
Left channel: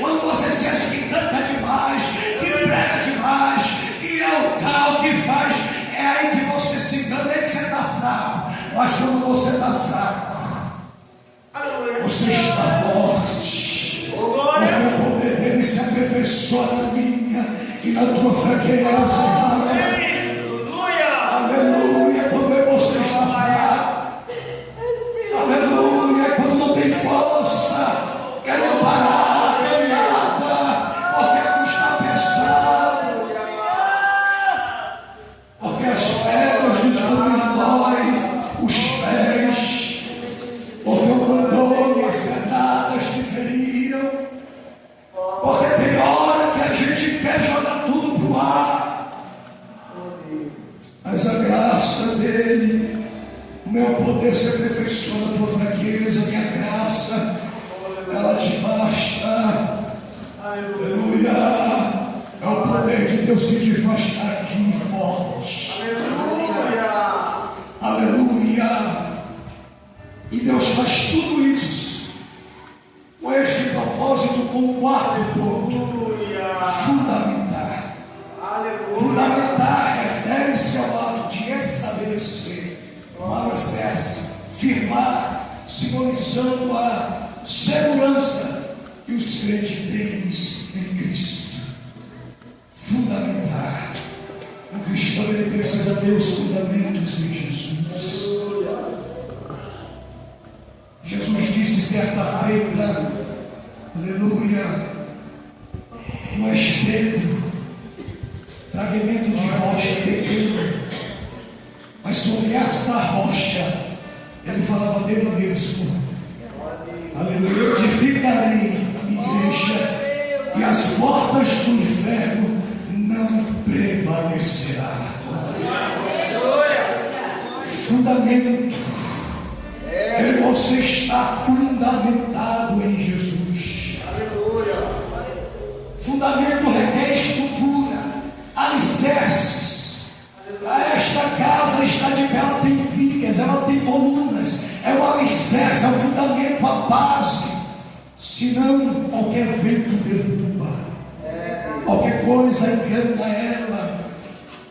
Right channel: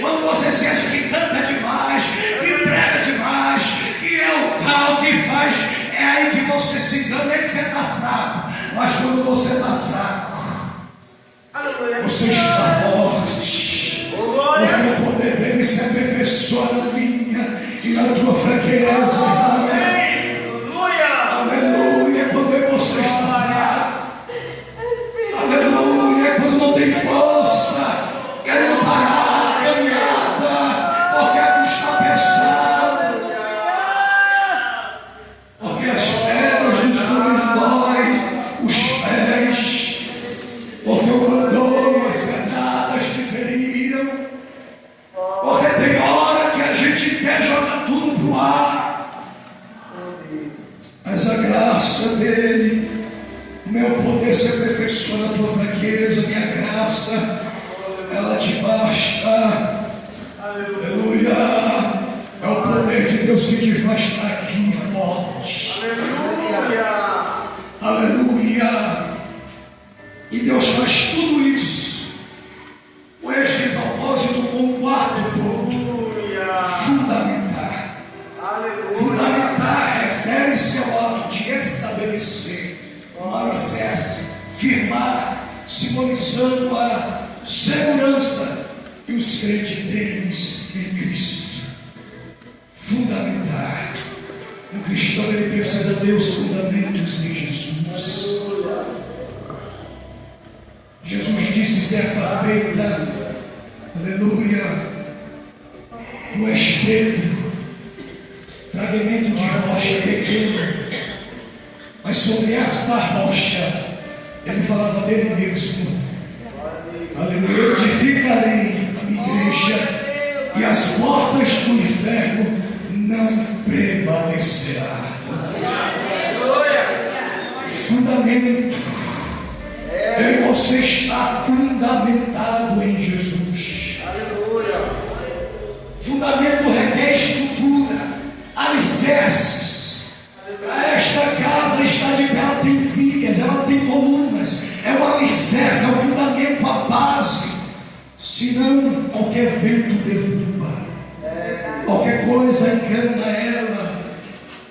quando você se acha que canta demais, que prega demais, que é o tal que faz, é aí que você se engana, é que você está fraco. Mas quando você está fraco, você está forte, porque o poder dele se aperfeiçoa na minha e na tua fraqueza. Aleluia. Quando você está fraco, aleluia. Quando não tem força, querendo parar a caminhada, porque está pesado, porque as pedras nos dói os pés, porque o abandono, as pedradas te feriram, porque tem hora que a gente quer jogar tudo pro ar, mas a graça dele, o meu poder se aperfeiçoa na tua fraqueza, minha graça, ela te basta. Aleluia. É o poder de Deus que te faz estar aqui forte. Aleluia. E Deus faz tudo isso com este propósito, com o quarto ponto: fundamentar. Fundamentar refere-se ao ato de estabelecer, um alicerce, firmar, simbolizando a segurança que os crentes têm em Cristo. Fundamentar. O cristão, ele precisa ter os fundamentos em Jesus. Jesus disse certa feita, aleluia: tu és Pedro, fragmento de rocha pequeno, mas sobre esta rocha Ele falava dele mesmo. Aleluia. Eu edificarei a minha igreja e as portas do inferno não prevalecerá. Fundamento. Eu e você está fundamentado em Jesus. Fundamento requer estrutura, alicerces. Esta casa está de pé, ela tem vigas, ela tem colunas, é o alicerce, é o fundamento, a base. Senão qualquer vento derruba, qualquer coisa engana ela.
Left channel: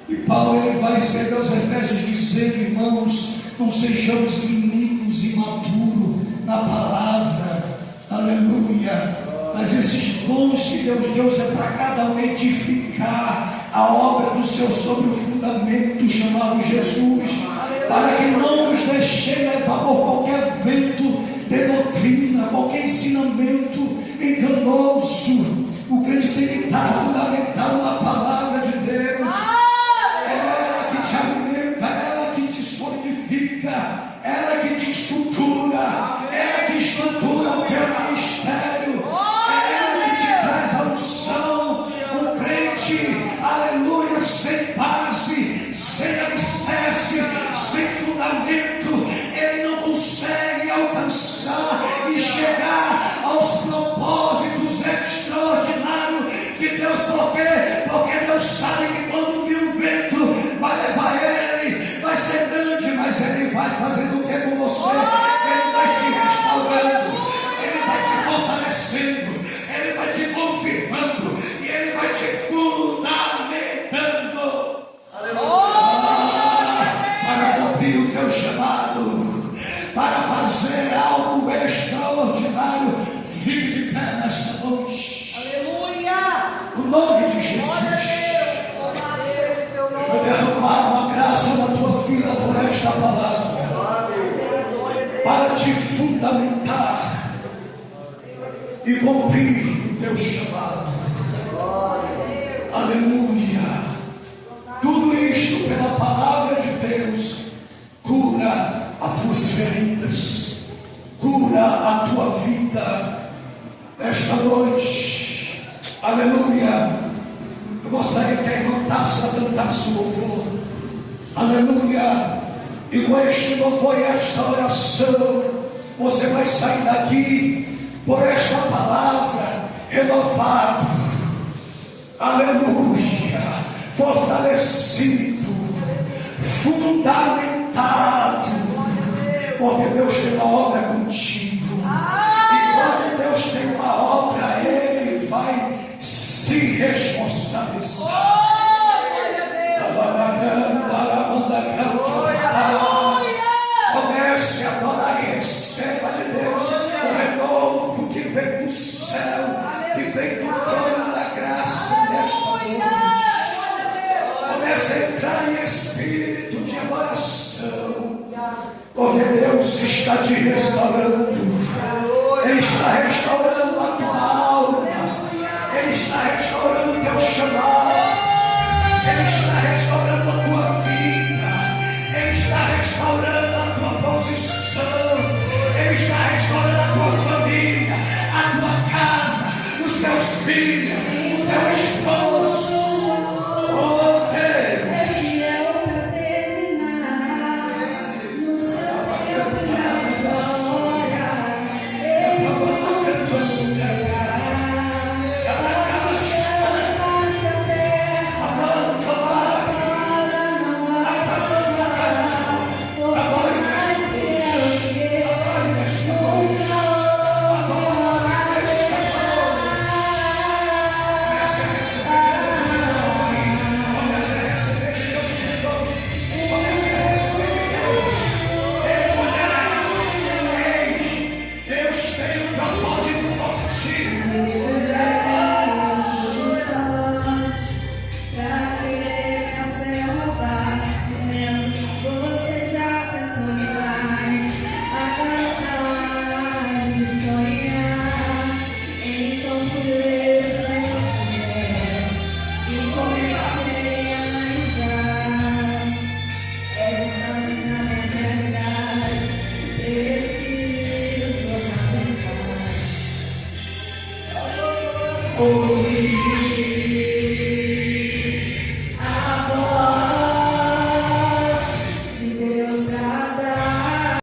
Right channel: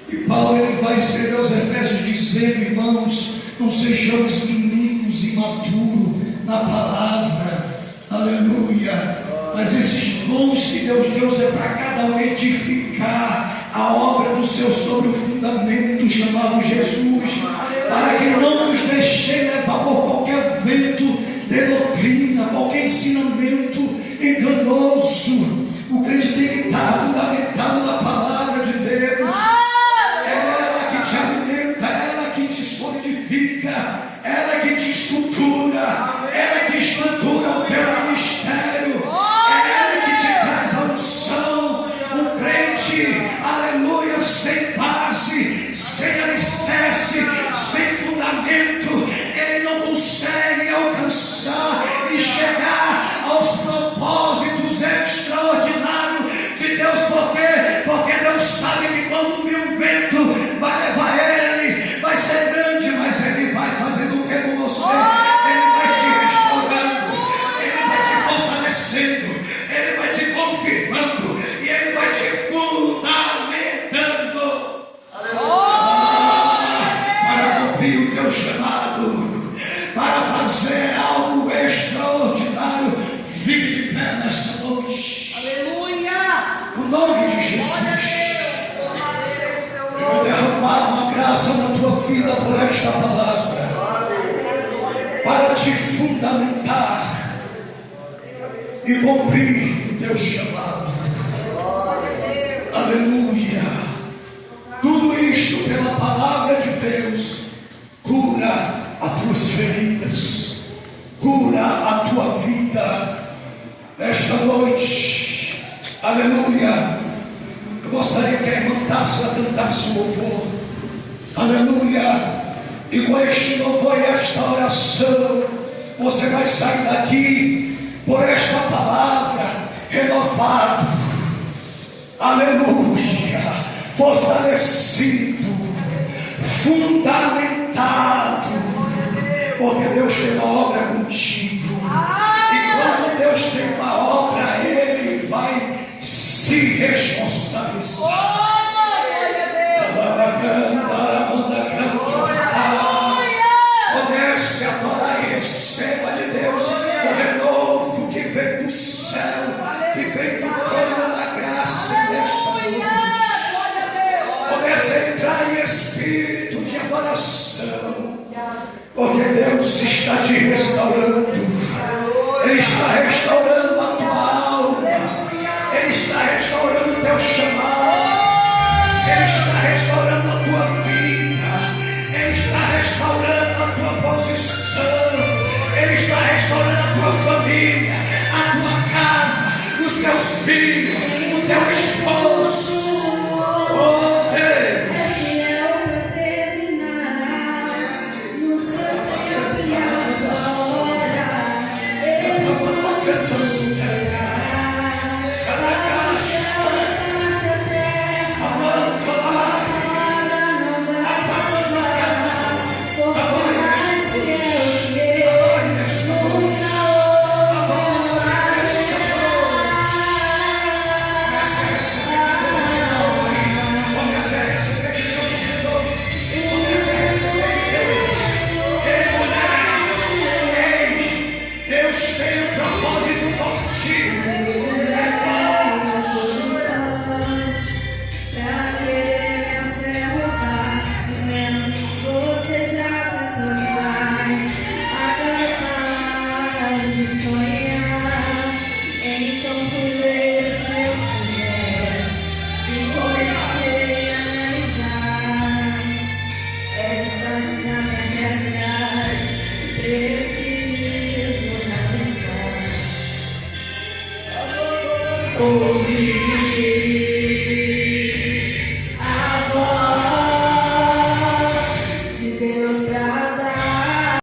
E Paulo ele vai escrever aos Efésios dizendo: irmãos, não sejamos meninos imaturos na palavra, aleluia. Mas esses dons que Deus deu é para cada um edificar a obra do Senhor sobre o fundamento chamado Jesus, para que não vos deixei levar por qualquer vento de doutrina, qualquer ensinamento enganoso. O crente tem que estar fundamentado na palavra de Deus. Ela que te alimenta, ela que te solidifica, ela que te estrutura, ela que estrutura o teu ministério, ela que te traz a unção. O crente, aleluia, sem base, sem alicerce, sem fundamento, ele não consegue alcançar e chegar aos propósitos extraordinários de Deus. Por quê? Porque Deus sabe que quando vir um vento vai levar ele, vai ser grande, mas ele vai fazendo o que com você? Ele vai te restaurando, ele vai te fortalecendo, ele vai te confirmando e ele vai te fundamentando para cumprir o teu chamado, para fazer algo extraordinário. Fique de pé nesta noite. Aleluia! No nome de Jesus. Eu vou derramar uma graça na tua vida por esta palavra, para te fundamentar e cumprir o teu chamado. Aleluia. Tudo isto pela palavra de Deus cura as tuas feridas, cura a tua vida esta noite. Aleluia. Eu gostaria que a irmã Tássia cantasse o louvor. Aleluia. E com este louvor e esta oração, você vai sair daqui por esta palavra renovado. Aleluia. Fortalecido, fundamentado, porque Deus tem uma obra contigo. E quando Deus tem uma obra, Ele vai se responsabilizar. Comece a adorar e receba de Deus o renovo que vem do céu, que vem do trono da graça nesta noite. Comece a entrar em espírito de adoração, porque Deus está te restaurando. Ele está restaurando a tua alma, Ele está restaurando o teu chamado, Ele está restaurando a tua vida, Ele está restaurando a tua posição, Ele está restaurando a tua família, a tua casa, os teus filhos, o teu esposo. Oh Deus. ouvir.